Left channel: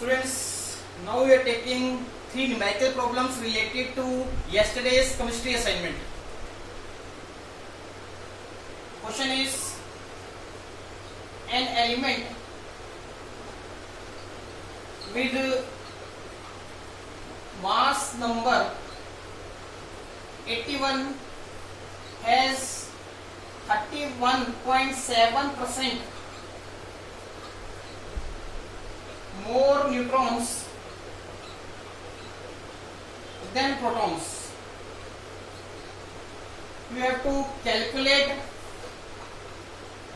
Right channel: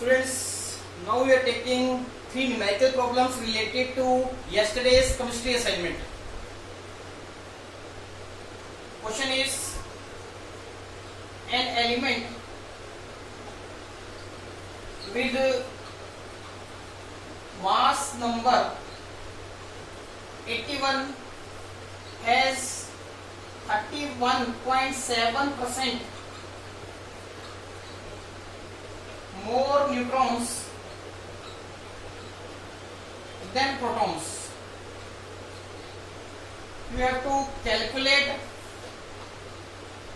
Students, now we are taking 3 numerical problems related to yesterday's chemistry assignment. Question is, an element with mass number 81 has 31.7% more neutrons than protons. You have to calculate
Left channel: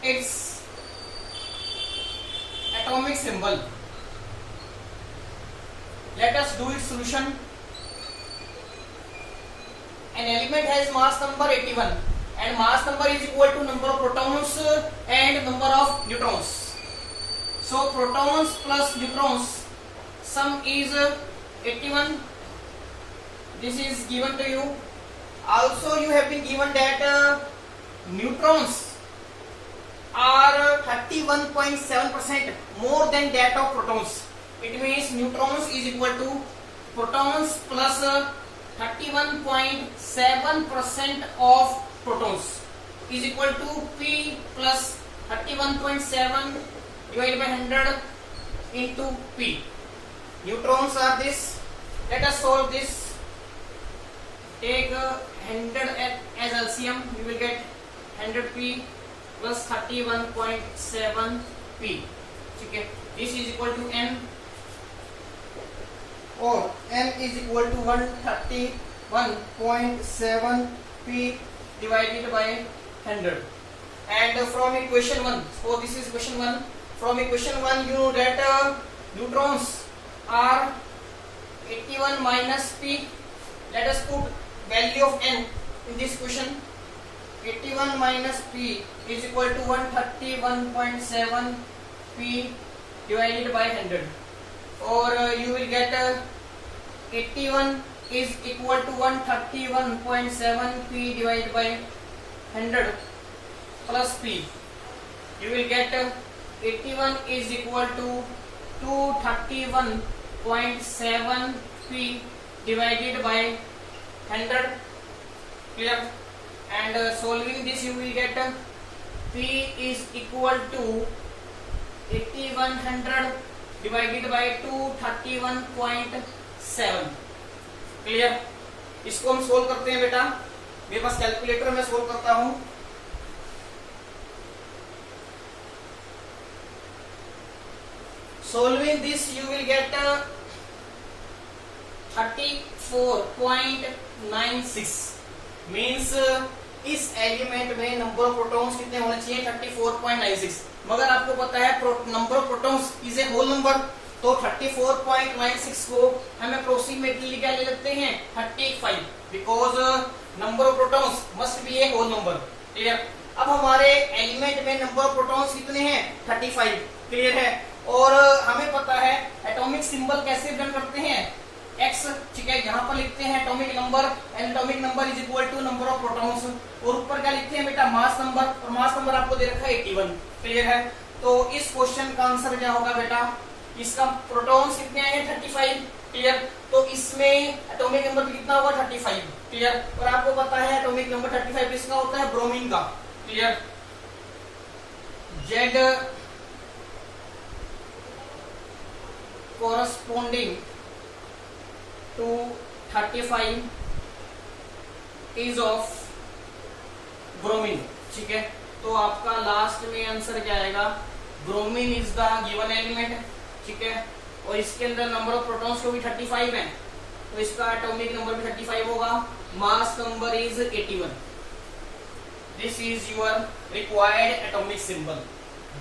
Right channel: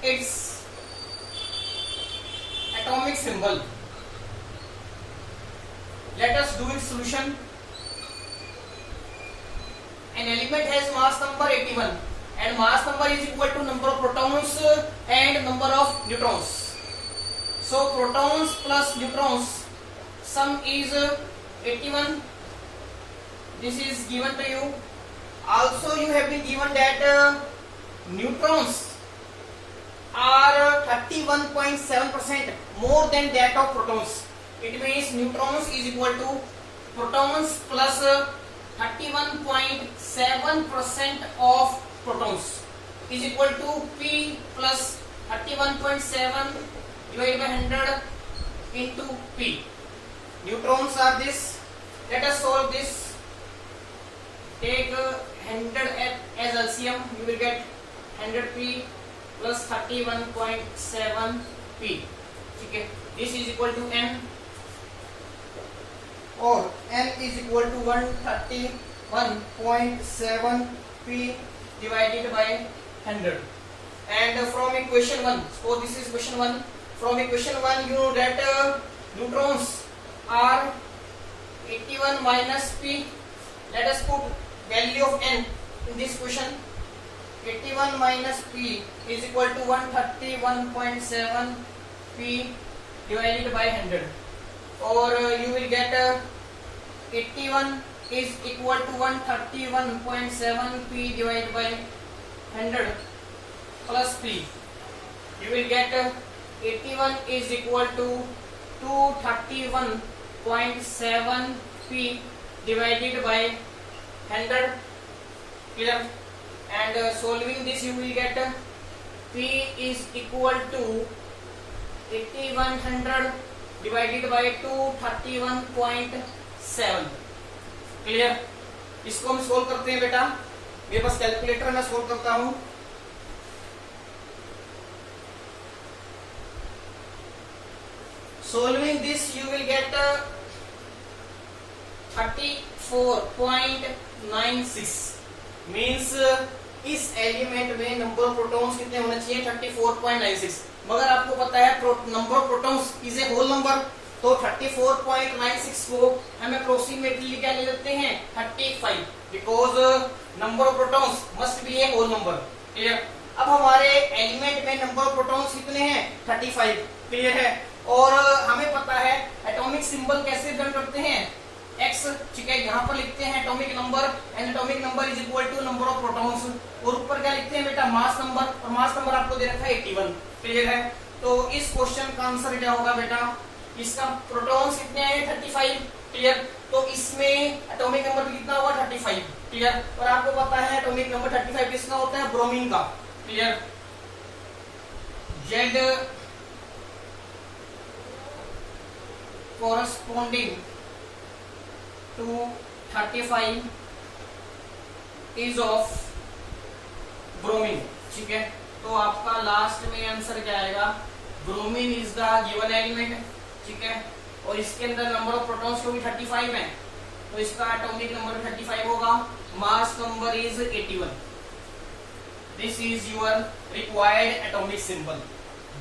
its atomic symbol. Let us do its solution. An element has mass number 81 and mass number is equal to number of protons and number of neutrons. So protons plus neutrons sum is 81. This is given to you. Also you have been given that neutrons are 31.7% more than that of protons. It means neutrons is equal to protons plus 31.7% of protons is equal to P plus 31.7 divided by 100 into P. Neutrons are this. Let us solve this. Take 100 as LCM. You will get 100P plus 31.7P. Okay. This is equal to N, or N is equal to 131.7P divided by 100. And from equation 1, so this is equation 1. From equation 1, you know that neutrons are 81 minus P. Let us put value of N in this equation. 81 minus P is equal to 131.7 P divided by 100. Or you will get 81 is equal to 131.7 P divided by 100 plus P. You will get 81 is equal to 231.7 P divided by 100. Clear? And solving this you will get P is equal to 8100 divided by 231.7. Clear? इसको हम solve करते हैं बेटा. मेरे पास calculator में solve करता हूं. Solving this you will get 34.96 means इस एलिमेंट में नंबर ऑफ प्रोटॉन्स कितने होने चाहिए? 34.96. मगर आपको पता है number of protons is a whole number, तो 34.96 को हम अप्रोक्सीमेटली क्या ले लेते हैं? 35, because number of protons must be a whole number. Clear? अब हमारे एलिमेंट में नंबर ऑफ प्रोटॉन्स कितने हैं? 35. क्लियर है? और हमें पता है एटॉमिक सिंबल कैसे रिप्रेजेंट करते हैं? X. ठीक है, यहाँ पर लिखते हैं atomic number, and atomic number is equal to number of protons. और ऊपर क्या लिखते हैं बेटा? Mass number. और मास नंबर आपको दे रखा है 81. क्लियर है? तो इस क्वेश्चन का आंसर क्या होगा बेटा? इसका प्रोटॉन्स कितने आए? 35. क्लियर? तो इसमें एटॉमिक नंबर कितना होगा? 35. क्लियर? और आपको पता है एटॉमिक नंबर 35 किसका होता है? ब्रोमीन का. Clear? Z corresponding to 35 is of bromine. ठीक है, तो आपका लास्ट में आंसर क्या आएगा? Bromine is the given element. ठीक है, और इसके अंदर नंबर ऑफ प्रोटॉन्स को भी 35 है, तो इसका एटॉमिक नंबर भी 35 होगा. Mass number is 81. This is your required atomic symbol.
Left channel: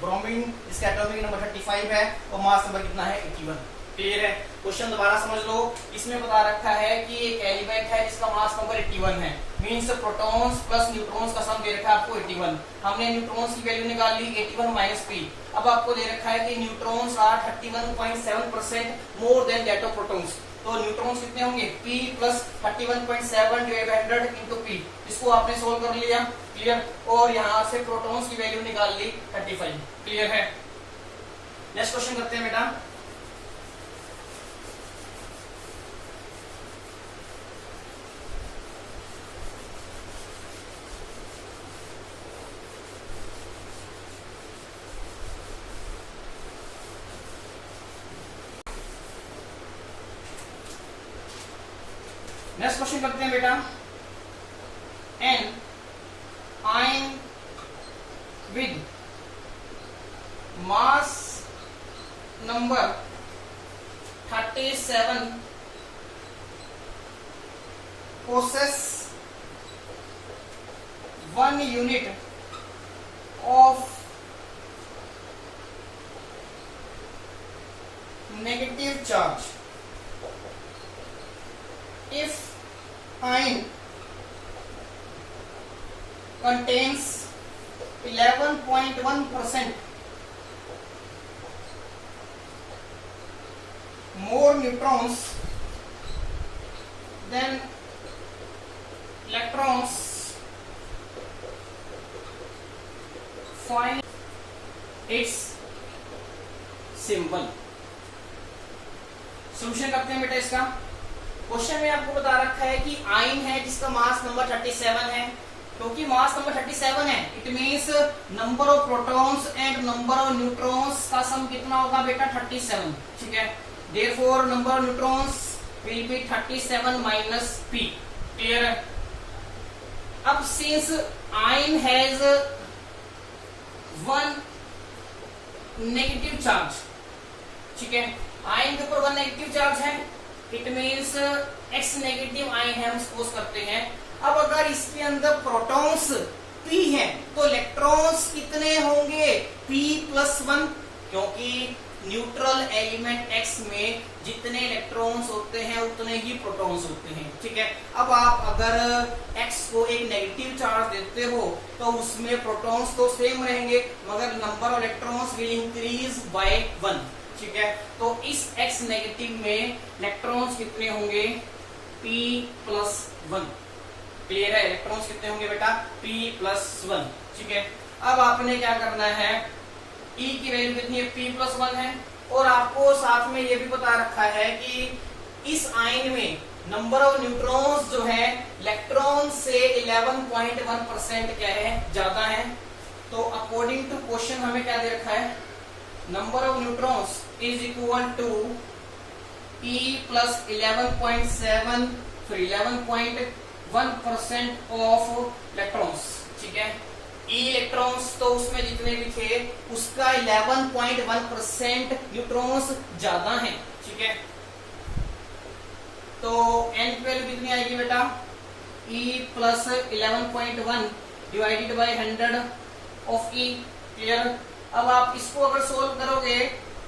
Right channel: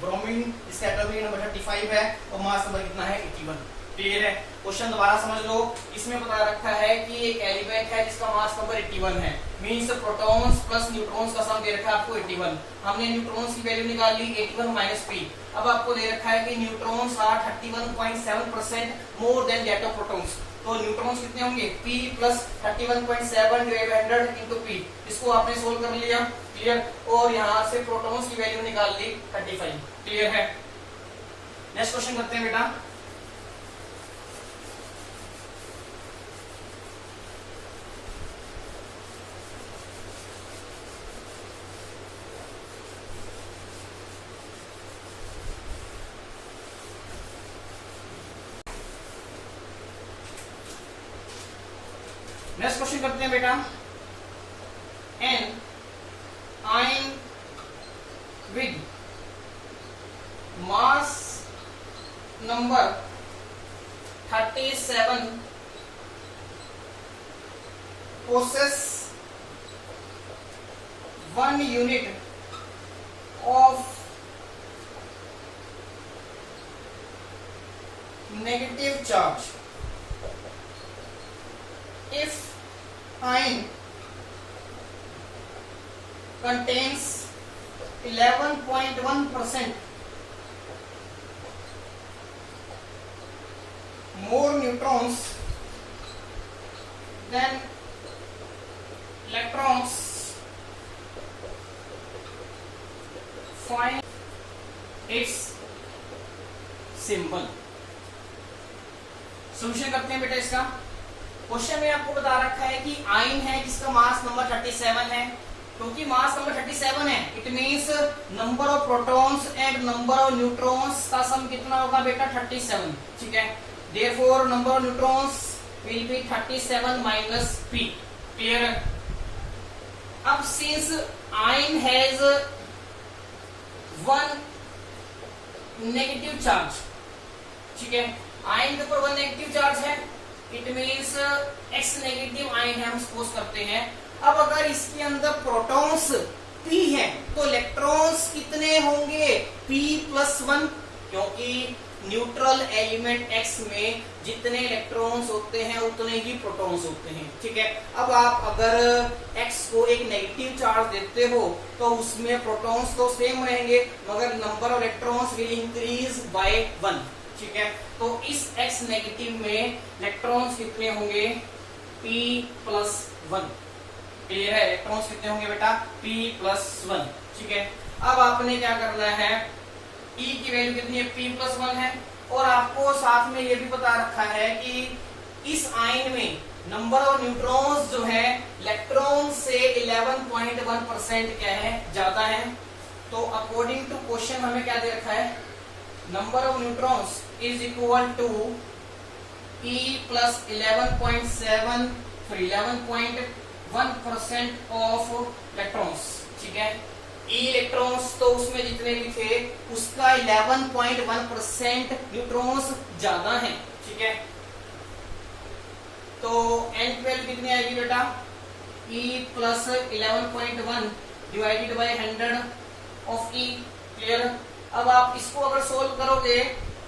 Bromine इसका एटॉमिक नंबर 35 है और मास नंबर कितना है? 81. क्लियर है? क्वेश्चन दोबारा समझ लो. इसमें बता रखा है कि एक एलिमेंट है जिसका मास नंबर 81 है, मींस प्रोटॉन्स प्लस न्यूट्रॉन्स का सम दे रखा है आपको 81. हमने न्यूट्रॉन्स की वैल्यू निकाल ली 81 माइनस P. अब आपको दे रखा है कि neutrons are 31.7% more than that of protons. तो न्यूट्रॉन्स कितने होंगे? P plus 31.7 divide by 100 into P. इसको आपने सोल्व कर लिया. क्लियर? और यहाँ से प्रोटॉन्स की वैल्यू निकाल ली 35. क्लियर है? नेक्स्ट क्वेश्चन करते हैं बेटा. नेक्स्ट क्वेश्चन करते हैं बेटा, an ion with mass number 37 possess 1 unit of negative charge if ion contains 11.1% more neutrons than electrons, find its symbol। Solution करते हैं बेटा इसका। क्वेश्चन में आपको बता रखा है कि आयन है जिसका मास नंबर 37 है, क्योंकि मास नंबर 37 है it means number of protons and number of neutrons का सम कितना होगा बेटा 37, ठीक है। Therefore number of neutrons will B 37 minus p, clear है। अब since ion has 1 negative charge, ठीक है, आयन के ऊपर 1 नेगेटिव चार्ज है, it means x negative ion है, हम सपोज करते हैं। अब अगर इसके अंदर प्रोटॉन्स p है तो इलेक्ट्रॉन्स कितने होंगे p+1, क्योंकि न्यूट्रल एलिमेंट x में जितने इलेक्ट्रॉन्स होते हैं उतने ही प्रोटॉन्स होते हैं, ठीक है। अब आप अगर x को एक नेगेटिव चार्ज देते हो तो उसमें प्रोटॉन्स तो सेम रहेंगे मगर number of electrons will increase by 1, ठीक है। तो इस x नेगेटिव में इलेक्ट्रॉन्स कितने होंगे p+1, क्लियर है। इलेक्ट्रॉन्स कितने होंगे बेटा p+1, ठीक है। अब आपने क्या करना है, E की वैल्यू कितनी है p+1 है, और आपको साथ में ये भी बता रखा है कि इस आयन में नंबर ऑफ न्यूट्रॉन्स जो है इलेक्ट्रॉन से 11.1% क्या है, ज्यादा है। तो अकॉर्डिंग टू क्वेश्चन हमें क्या दे रखा है, number of neutrons is equal to p plus 11.1% of electrons, ठीक है। ई इलेक्ट्रॉन्स तो उसमें जितने भी थे उसका 11.1% न्यूट्रॉन्स ज्यादा है, ठीक है। तो n की वैल्यू कितनी आएगी बेटा, E plus 11.1 divided by 100 of E, clear. अब आप इसको अगर सोल्व करोगे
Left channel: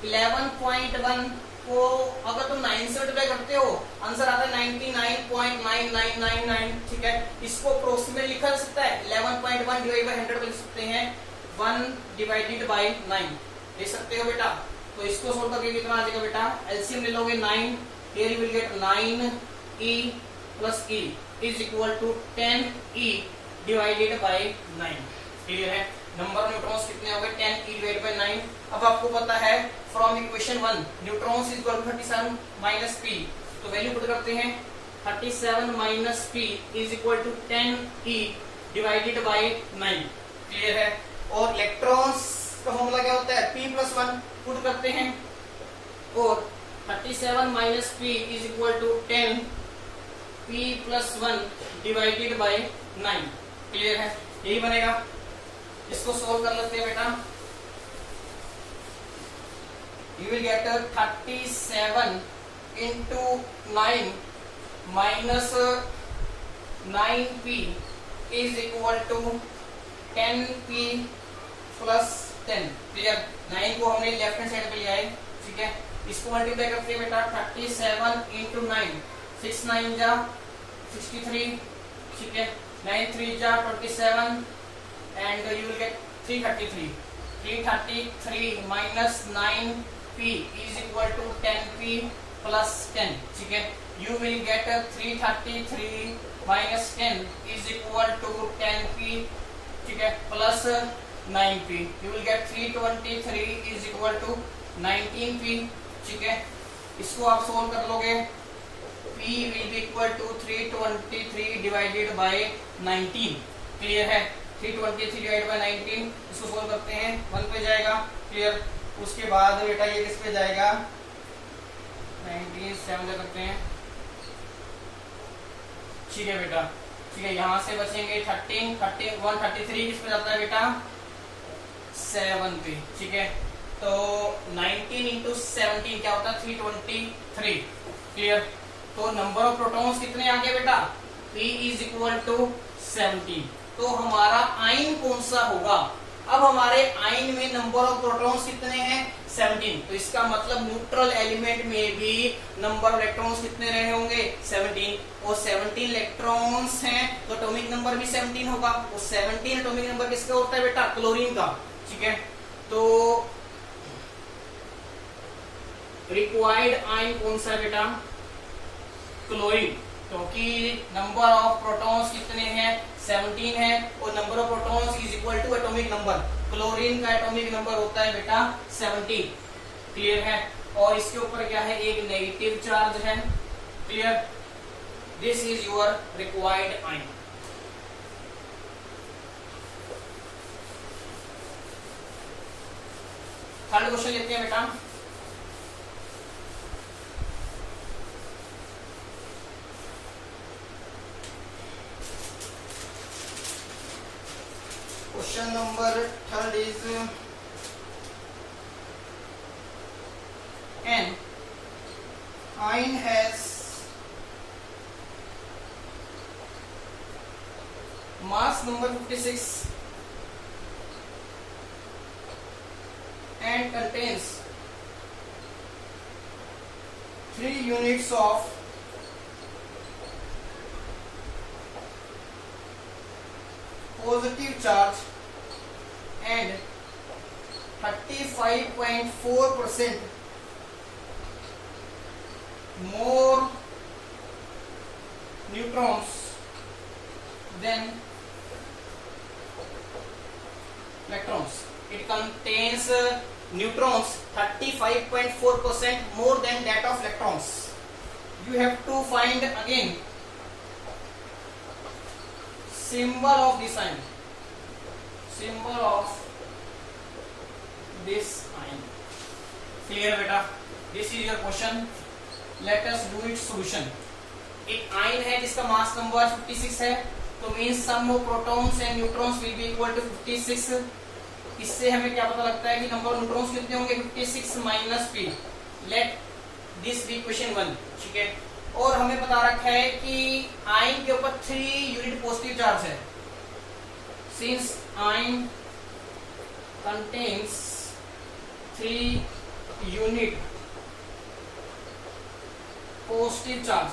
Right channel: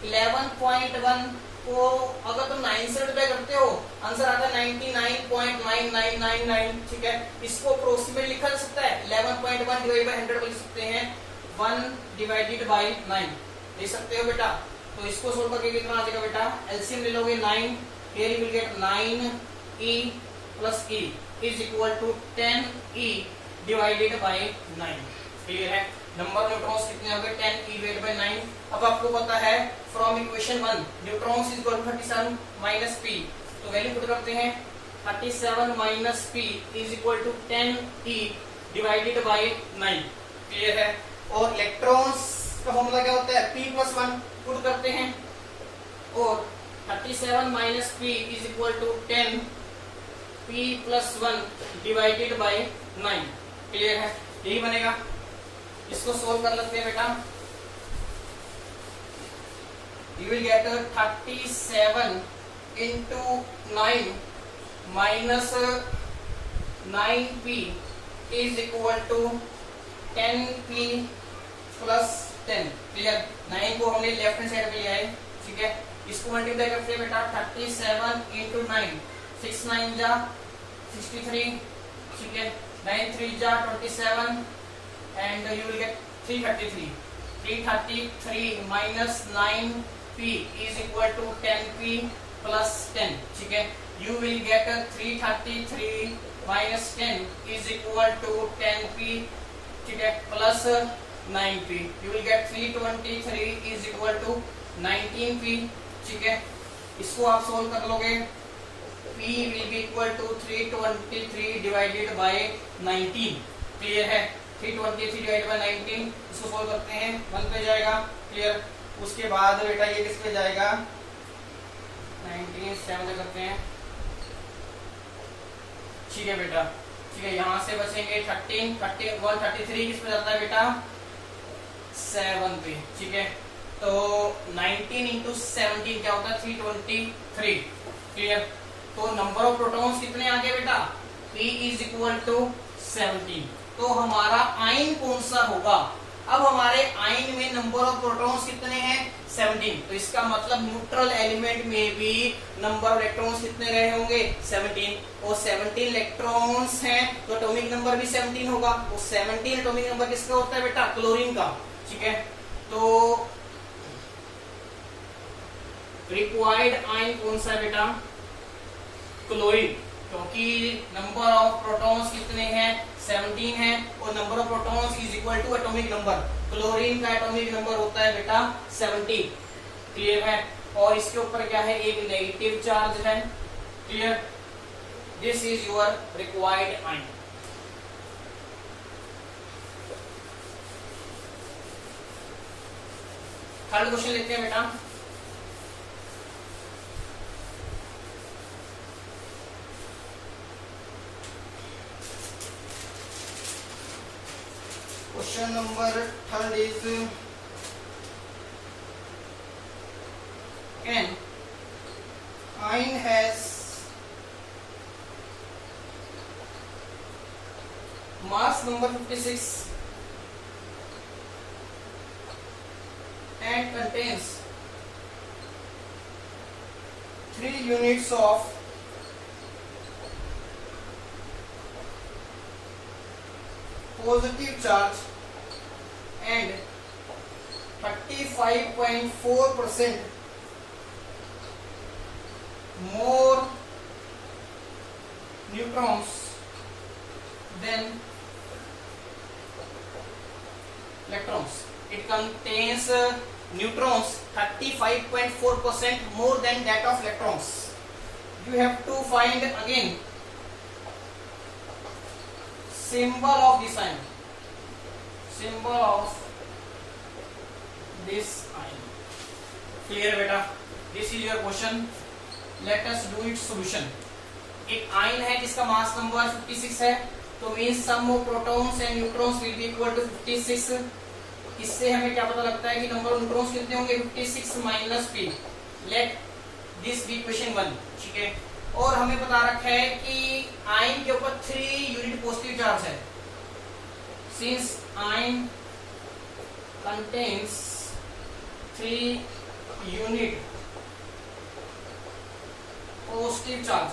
11.1 को अगर तुम 9 से डिवाइड करते हो आंसर आता है 99.9999, ठीक है। इसको अप्रोक्सीमेट लिखा जा सकता है 11.1 डिवाइड बाय 100 को लिख सकते हैं 1 डिवाइडेड बाय 9 लिख सकते हो बेटा। तो इसको सोल्व करके कितना आ जाएगा बेटा, एलसीएम ले लोगे 9, here you will get 9e plus e is equal to 10e divided by 9, clear है। नंबर न्यूट्रॉन्स कितने हो गए 10e डिवाइडेड बाय 9। अब आपको पता है from equation 1 neutrons is equal to 37 minus p, तो वैल्यू पुट करते हैं 37 minus p is equal to 10e divided by 9, clear है। और इलेक्ट्रॉन्स का फॉर्मूला क्या होता है p+1 पुट करते हैं, और 37 minus p is equal to 10 p+1 divided by 9, clear है, यही बनेगा। इसको सोल्व कर लेते हैं बेटा, you will get 37 into 9 minus 9p is equal to 10p plus 10, clear. 9 को हमने लेफ्ट हैंड साइड पे लिया है, ठीक है। इसको मल्टीप्लाई करते हैं बेटा 37 into 9, 6 9 जा 63, ठीक है, 9 3 जा 27 and you will get 333 minus 9p is equal to 10p plus 10, ठीक है। You will get 333 minus 10 is equal to 10p, ठीक है, plus 9p। You will get 323 is equal to 19p, ठीक है। इसको आप सोल्व कर लोगे, p will be equal to 323 divided by 19, clear है। 323 डिवाइड बाय 19, इसको सोल्व करते हैं 1 पे जाएगा, क्लियर। उसके बाद बेटा ये किस पे जाएगा 19 7 करते हैं ठीक है बेटा, ठीक है, यहाँ से बचेंगे 13, 133 किस पे जाता है बेटा, 7 पे, ठीक है। तो 19 इंटू 17 क्या होता है, 323, क्लियर। तो नंबर ऑफ प्रोटॉन्स कितने आ गए बेटा, P इज इक्वल टू 17। तो हमारा आयन कौन सा होगा, अब हमारे आयन में नंबर ऑफ प्रोटॉन्स कितने हैं, 17। तो इसका मतलब न्यूट्रल एलिमेंट में भी नंबर ऑफ इलेक्ट्रॉन्स कितने रहे होंगे, 17। और 17 इलेक्ट्रॉन्स हैं तो एटॉमिक नंबर भी 17 होगा। तो 17 एटॉमिक नंबर किसका होता है बेटा, क्लोरीन का, ठीक है। तो रिक्वायर्ड आयन कौन सा है बेटा, क्लोरीन, क्योंकि नंबर ऑफ प्रोटॉन्स कितने हैं, 17 है, और number of protons is equal to atomic number. Chlorine का एटॉमिक नंबर होता है बेटा 17, क्लियर है। और इसके ऊपर क्या है, एक नेगेटिव चार्ज है, clear. This is your required ion. Third question लेते हैं बेटा। Question number third is an ion has mass number 56 and contains 3 units of positive charge and 35.4% more neutrons than electrons. It contains neutrons 35.4% more than that of electrons. You have to find again symbol of this ion, symbol of this ion, clear beta। this is your question, let us do its solution। एक ion है जिसका mass number 56 है, तो means sum of protons and neutrons will be equal to 56। इससे हमें क्या पता लगता है कि नंबर ऑफ न्यूट्रॉन्स कितने होंगे, 56 minus p। Let this be equation 1, ठीक है। और हमें बता रखा है कि आयन के ऊपर 3 यूनिट पॉजिटिव चार्ज है। Since ion contains 3 unit positive charge,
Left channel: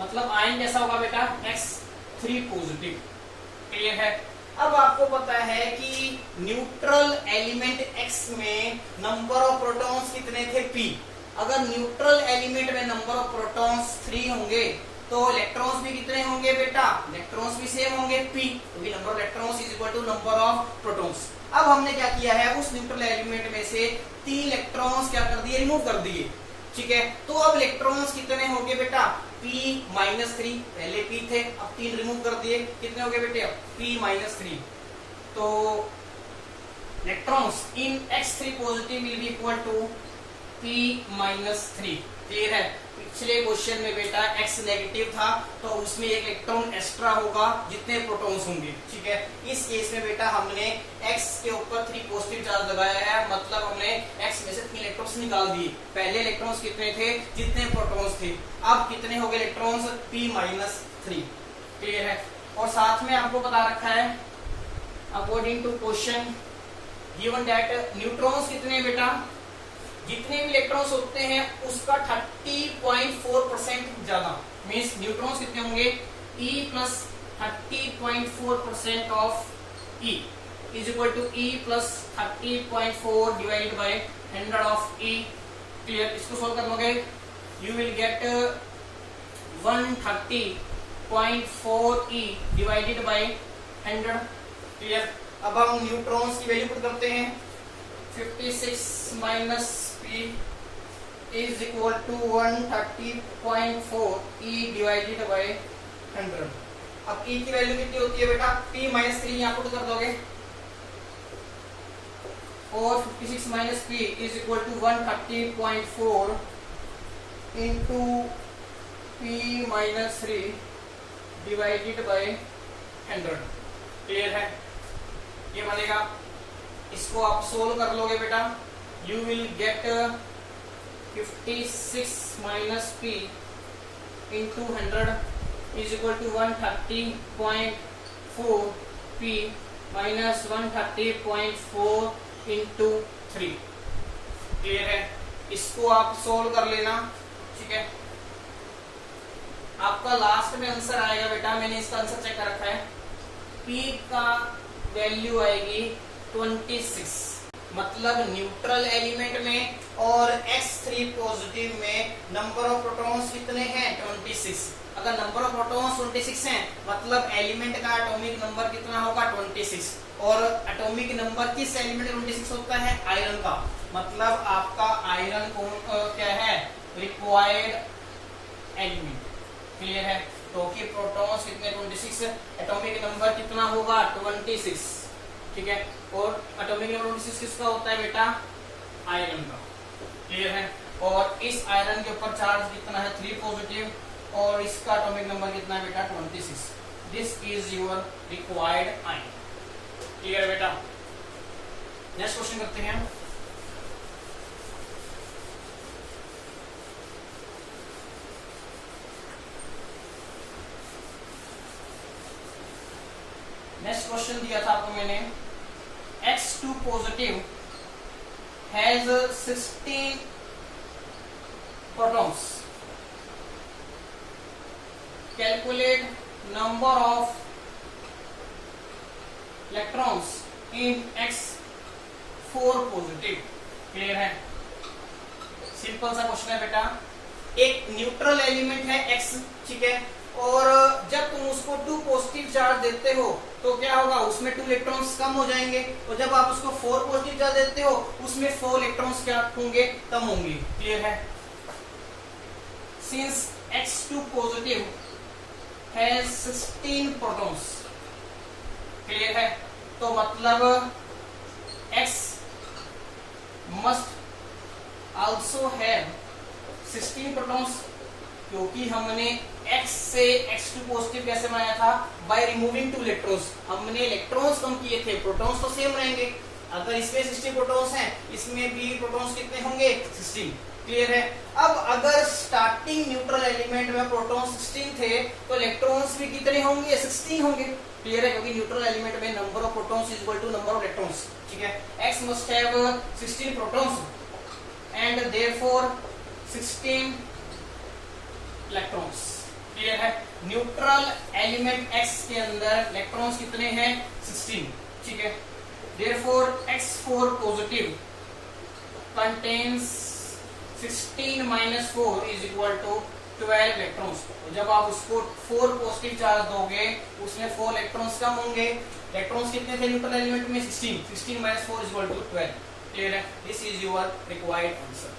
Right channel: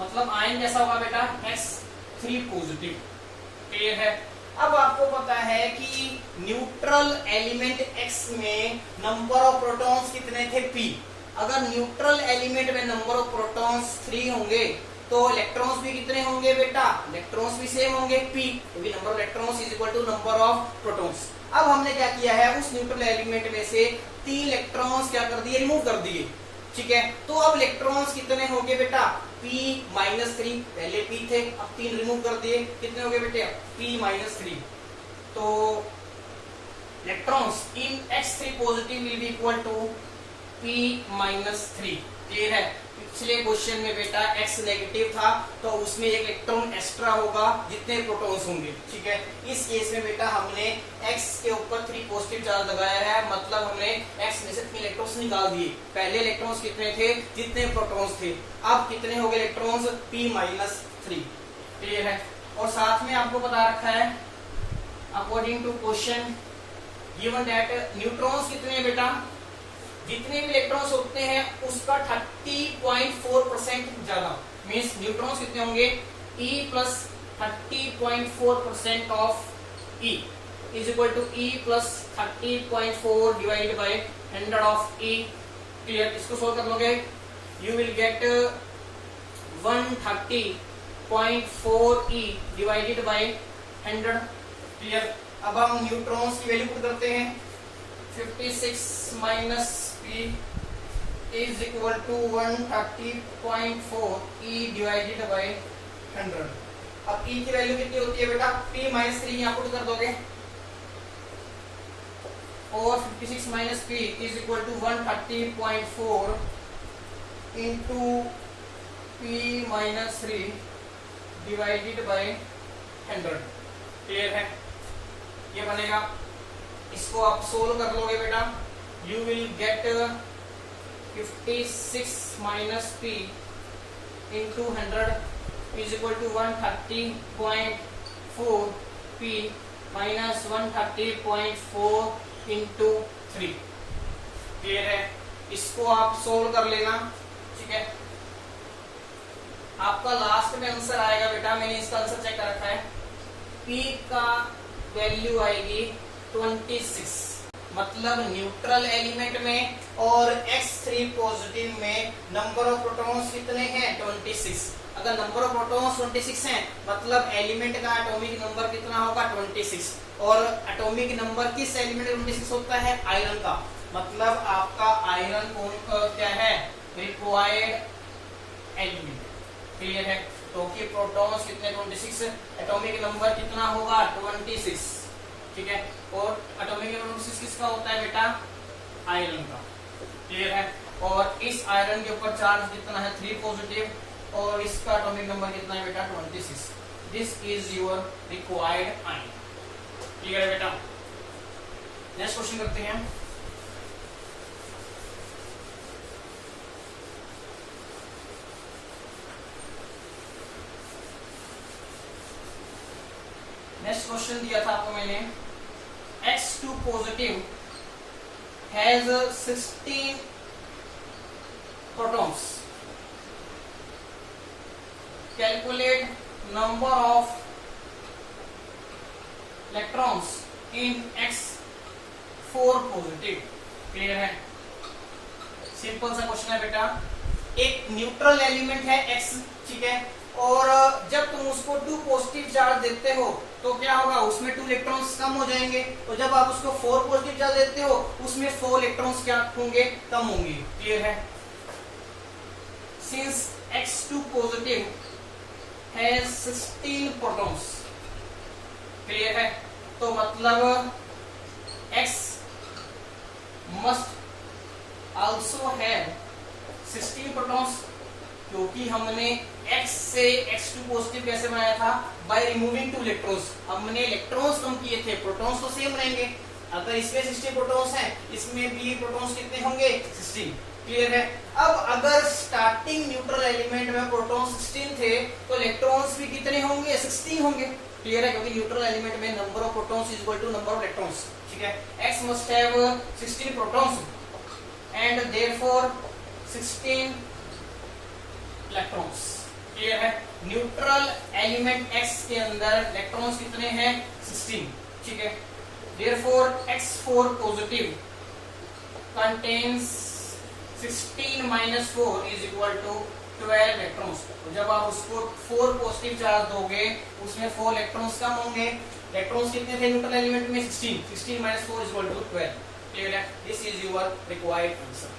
मतलब आयन कैसा होगा बेटा, X3 पॉजिटिव, क्लियर है। अब आपको पता है कि न्यूट्रल एलिमेंट X में नंबर ऑफ प्रोटॉन्स कितने थे, P। अगर न्यूट्रल एलिमेंट में नंबर ऑफ प्रोटॉन्स 3 होंगे तो इलेक्ट्रॉन्स भी कितने होंगे बेटा, इलेक्ट्रॉन्स भी सेम होंगे, P, क्योंकि number of electrons is equal to number of protons. अब हमने क्या किया है, उस न्यूट्रल एलिमेंट में से 3 इलेक्ट्रॉन्स क्या कर दिए, रिमूव कर दिए, ठीक है। तो अब इलेक्ट्रॉन्स कितने होंगे बेटा, P-3, पहले P थे, अब 3 रिमूव कर दिए, कितने होंगे बेटे, P-3। तो electrons in X3 positive will be equal to P-3, clear है। पिछले क्वेश्चन में बेटा X नेगेटिव था तो उसमें एक इलेक्ट्रॉन एक्स्ट्रा होगा जितने प्रोटॉन्स होंगे, ठीक है। इस केस में बेटा हमने X के ऊपर 3 पॉजिटिव चार्ज लगाया है, मतलब हमने X में से 3 इलेक्ट्रॉन्स निकाल दिए। पहले इलेक्ट्रॉन्स कितने थे, जितने प्रोटॉन्स थे, अब कितने हो गए इलेक्ट्रॉन्स, P-3, क्लियर है। और साथ में आपको बता रखा है according to question given that neutrons कितने बेटा, जितने भी इलेक्ट्रॉन्स होते हैं उसका 30.4% ज्यादा, मीन्स न्यूट्रॉन्स कितने होंगे, E plus 30.4% of E is equal to E plus 30.4 divided by 100 of E, clear. इसको सोल्व कर लोगे you will get 130.4 E divided by 100, clear. अब हम न्यूट्रॉन्स की वैल्यू पुट करते हैं, 56 minus P is equal to 130.4 E divided by 100। अब E की वैल्यू कितनी होती है बेटा, P-3 यहाँ पुट कर दोगे, और 56 minus P is equal to 130.4 into P-3 divided by 100। Clear है? ये बनेगा, इसको आप सोल्व कर लोगे बेटा, you will get 56 minus p into 100 is equal to 130.4 p minus 130.4 into 3। Clear है? इसको आप सोल्व कर लेना। ठीक है, आपका लास्ट में आंसर आएगा बेटा, मैंने इसका आंसर चेक कर रखा है, p का वैल्यू आएगी 26, मतलब न्यूट्रल एलिमेंट में और x3 पॉजिटिव में नंबर ऑफ प्रोटॉन्स कितने हैं? 26। अगर नंबर ऑफ प्रोटॉन्स 26 हैं, मतलब एलिमेंट का एटॉमिक नंबर कितना होगा? 26। और एटॉमिक नंबर किस एलिमेंट 26 होता है? आयरन का। मतलब आपका आयरन क्या है? Required element. क्लियर है? तो कि प्रोटॉन्स कितने? 26, एटॉमिक नंबर कितना होगा? 26। ठीक है, और एटॉमिक नंबर 26 किसका होता है बेटा? आयरन का। क्लियर है? और इस आयरन के ऊपर चार्ज कितना है? 3 पॉजिटिव, और इसका एटॉमिक नंबर कितना है बेटा? 26। This is your required iron. Clear है बेटा? नेक्स्ट क्वेश्चन करते हैं। नेक्स्ट क्वेश्चन दिया था आपको मैंने, X2 positive has 16 protons, calculate number of electrons in X4 positive. Clear है? सिंपल सा क्वेश्चन है बेटा, एक न्यूट्रल एलिमेंट है X, ठीक है, और जब तुम उसको 2 पॉजिटिव चार्ज देते हो तो क्या होगा? उसमें 2 इलेक्ट्रॉन्स कम हो जाएंगे, और जब आप उसको 4 पॉजिटिव चार्ज देते हो उसमें 4 इलेक्ट्रॉन्स क्या होंगे? कम होंगे। क्लियर है? Since X2 positive has 16 protons. Clear है? तो मतलब X must also have 16 protons, क्योंकि हमने X से X2 पॉजिटिव कैसे बनाया था? By removing 2 electrons. हमने इलेक्ट्रॉन्स कम किए थे, प्रोटॉन्स तो सेम रहेंगे। अगर इसमें 60 प्रोटॉन्स हैं, इसमें भी प्रोटॉन्स कितने होंगे? 16। क्लियर है? अब अगर स्टार्टिंग न्यूट्रल एलिमेंट में प्रोटॉन्स 16 थे तो इलेक्ट्रॉन्स भी कितने होंगे? 16 होंगे। क्लियर है? क्योंकि न्यूट्रल एलिमेंट में number of protons is equal to number of electrons. ठीक है, X must have 16 protons and therefore 16 electrons. Clear है? न्यूट्रल एलिमेंट X के अंदर इलेक्ट्रॉन्स कितने हैं? 16। ठीक है, therefore X4 positive contains 16 minus 4 is equal to 12 electrons. जब आप उसको 4 पॉजिटिव चार्ज दोगे उसमें 4 इलेक्ट्रॉन्स कम होंगे। इलेक्ट्रॉन्स कितने थे न्यूट्रल एलिमेंट में? 16 minus 4 is equal to 12। Clear है? This is your required answer.